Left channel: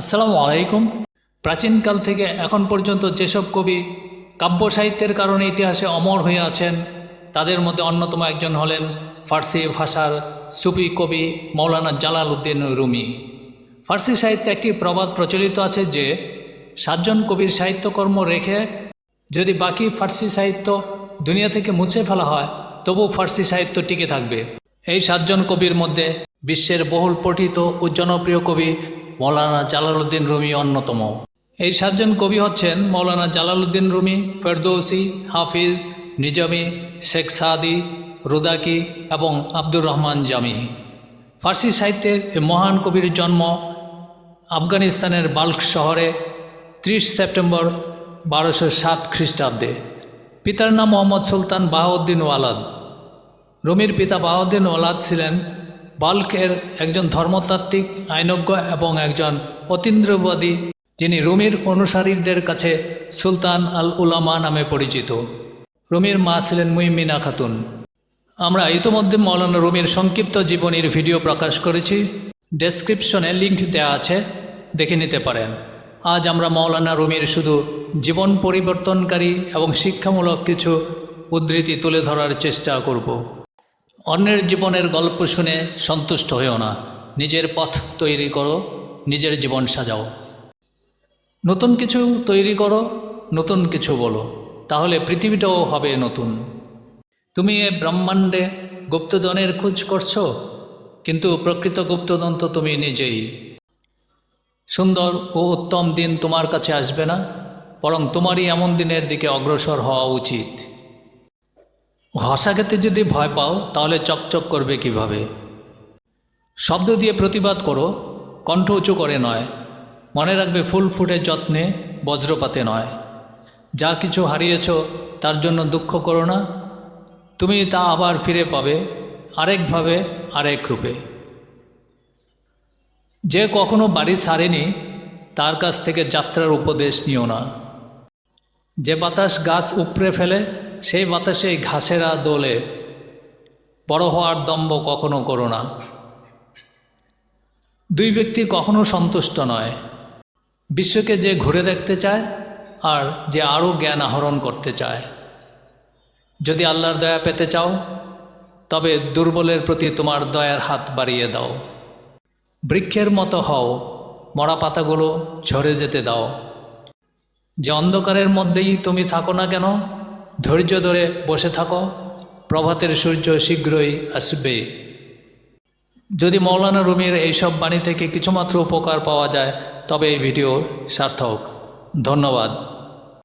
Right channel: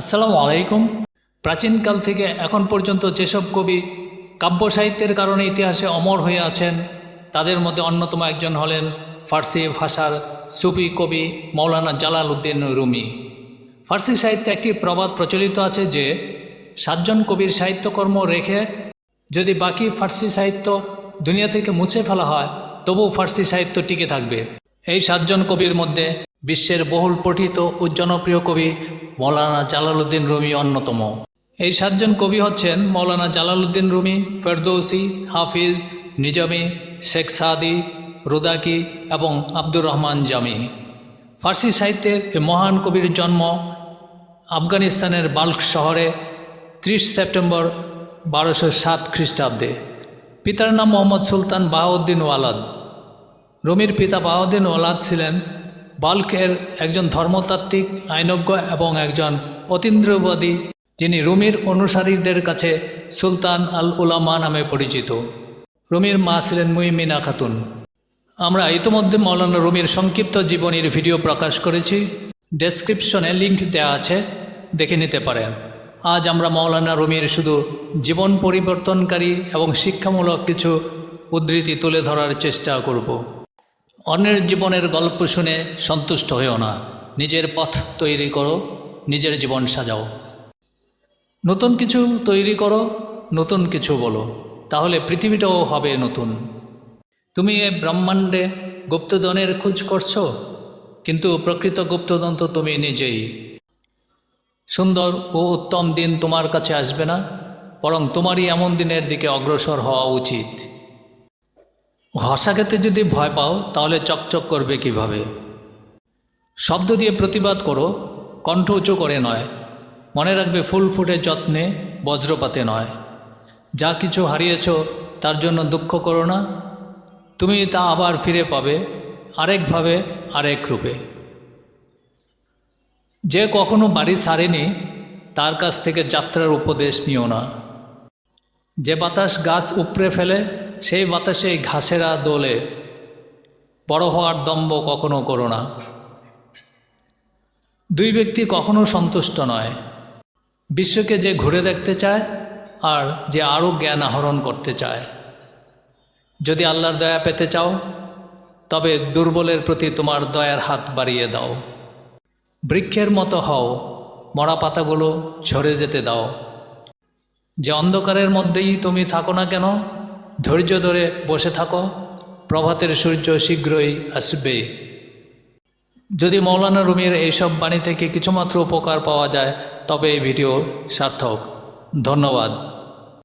আসসালামু আলাইকুম। প্রাচীনকাল থেকে এখন পর্যন্ত যেসব কবি কাব্য সাহিত্যের কারণে ইতিহাসে অমর হয়ে আছেন, তাদের মধ্যে অন্যতম একজন হলেন ফার্সি ভাষার সুফি কবি মৌলানা জালাল উদ্দিন রুমি। ফার্সি সাহিত্যে একটি প্রবাদ প্রচলিত আছে যে, সাতজন কবির সাহিত্যকর্ম রেখে যদি বাকি ফার্সি সাহিত্য দুনিয়া থেকে মুছে ফেলা হয়, তবুও ফার্সি সাহিত্য টিকে থাকবে। এই সাতজন কবির মধ্যে বিশ্বের বহুল পঠিত ও জনপ্রিয় কবি মৌলানা জালালউদ্দিন রুমি অন্যতম। এই সাতজন কবি হচ্ছেন Maulana Jalaluddin Rumi, Ferdowsi, Hafiz, Nizami, Sheikh Saadi, Rudaki এবং আব্দুর রহমান জামি। ফার্সি সাহিত্যের এই মহান কবির জন্ম আফগানিস্তানের বাল্ক শহরে ত্রিশ সেপ্টেম্বর বারোশো সাত খ্রিস্টাব্দে। পিতার নাম মোহাম্মদ সুলতান বাহাউদ্দিন ওয়ালাদ। রুমির পিতা বাহাউদ্দিন ওয়ালাদ ছিলেন বাল্কের একজন ধর্মতাত্ত্বিক, আইনজ্ঞ এবং একজন অতীন্দ্রবাদী, যিনি রুমির অনুসারীদের কাছে সুলতান আল উলামা নামে পরিচিত। রুমির মা ছিলেন মুইমিনা খাতুন। আমরা ইতোমধ্যে মৌলানা রুমির সংক্ষিপ্ত জীবনীর ভিডিও প্রকাশ করেছি। ডেসক্রিপশনে লিঙ্ক দেওয়া আছে, দেখে নিতে পারেন। আজ আমরা মৌলানা রুমির শুধু জীবন পরিবর্তনকারী এবং শিক্ষামূলক কিছু উদ্ধৃতি তুলে ধরার চেষ্টা করব। অন্যের জীবনের গল্প শুনে সন্তুষ্ট হয়েও না। নিজের পথ তৈরি করো, নিজের জীবন সাজাও। নতুন কিছু তৈরি করো, নতুন কিছু বলো, তাহলে পৃথিবীটাও হবে নতুন। তুমি এই ব্রহ্মাণ্ডে গুপ্তধনের খোঁজ করছ, কিন্তু প্রকৃত গুপ্তধন তো তুমি নিজেই। সুন্দর ও উত্তম দিন তোমার কাছে আসবে না, বরং তোমারই এমন দিনের দিকে অগ্রসর হওয়া উচিত। ভাষা খেতে যদি ভয় পাও, তাহলে চকচক করবে কীভাবে? শব্দ দিয়ে প্রতিবাদ করো, কণ্ঠ উঁচু করে নয়। মনে রাখবে ফুল ফুটে যত্নে, বজ্রপাতে নয়। যা কিছু হারিয়েছ, তার জন্য দুঃখ করো না। তুমি তা আবার ফিরে পাবে আরেকভাবে আরেক রূপে। যে কখনো বাড়ি ছাড়েনি, তার কাছ থেকে যাত্রার উপদেশ নিও না। যে বাতাস গাছ উপড়ে ফেলে সেই বাতাসে ঘাসেরা দোলে বড় হওয়ার দম্ভ কখনো করো না। দুই ব্যক্তি কখনো সন্তুষ্ট নয়। বিশ্বকে যে ঘুরে দেখতে চায় আর যে আরও জ্ঞান আহরণ করতে চায়। যদি আল্লাহর দয়া পেতে চাও, তবে দুর্বলের প্রতি তোমার দয়ার হাত বাড়িয়ে দাও। বৃক্ষের মতো হও মরা পাতাগুলো ঝরে যেতে দাও। যে অন্ধকারের মধ্যেই তুমি থাকো না কেন ধৈর্য ধরে বসে থাকো। প্রভাতের সূর্য শীঘ্রই আসবে। যদি মৌলানা রুমির এইসব বাণী থেকে কিছুমাত্র উপকার পাওয়া যায়, তবে এই ভিডিও সার্থক। ধন্যবাদ।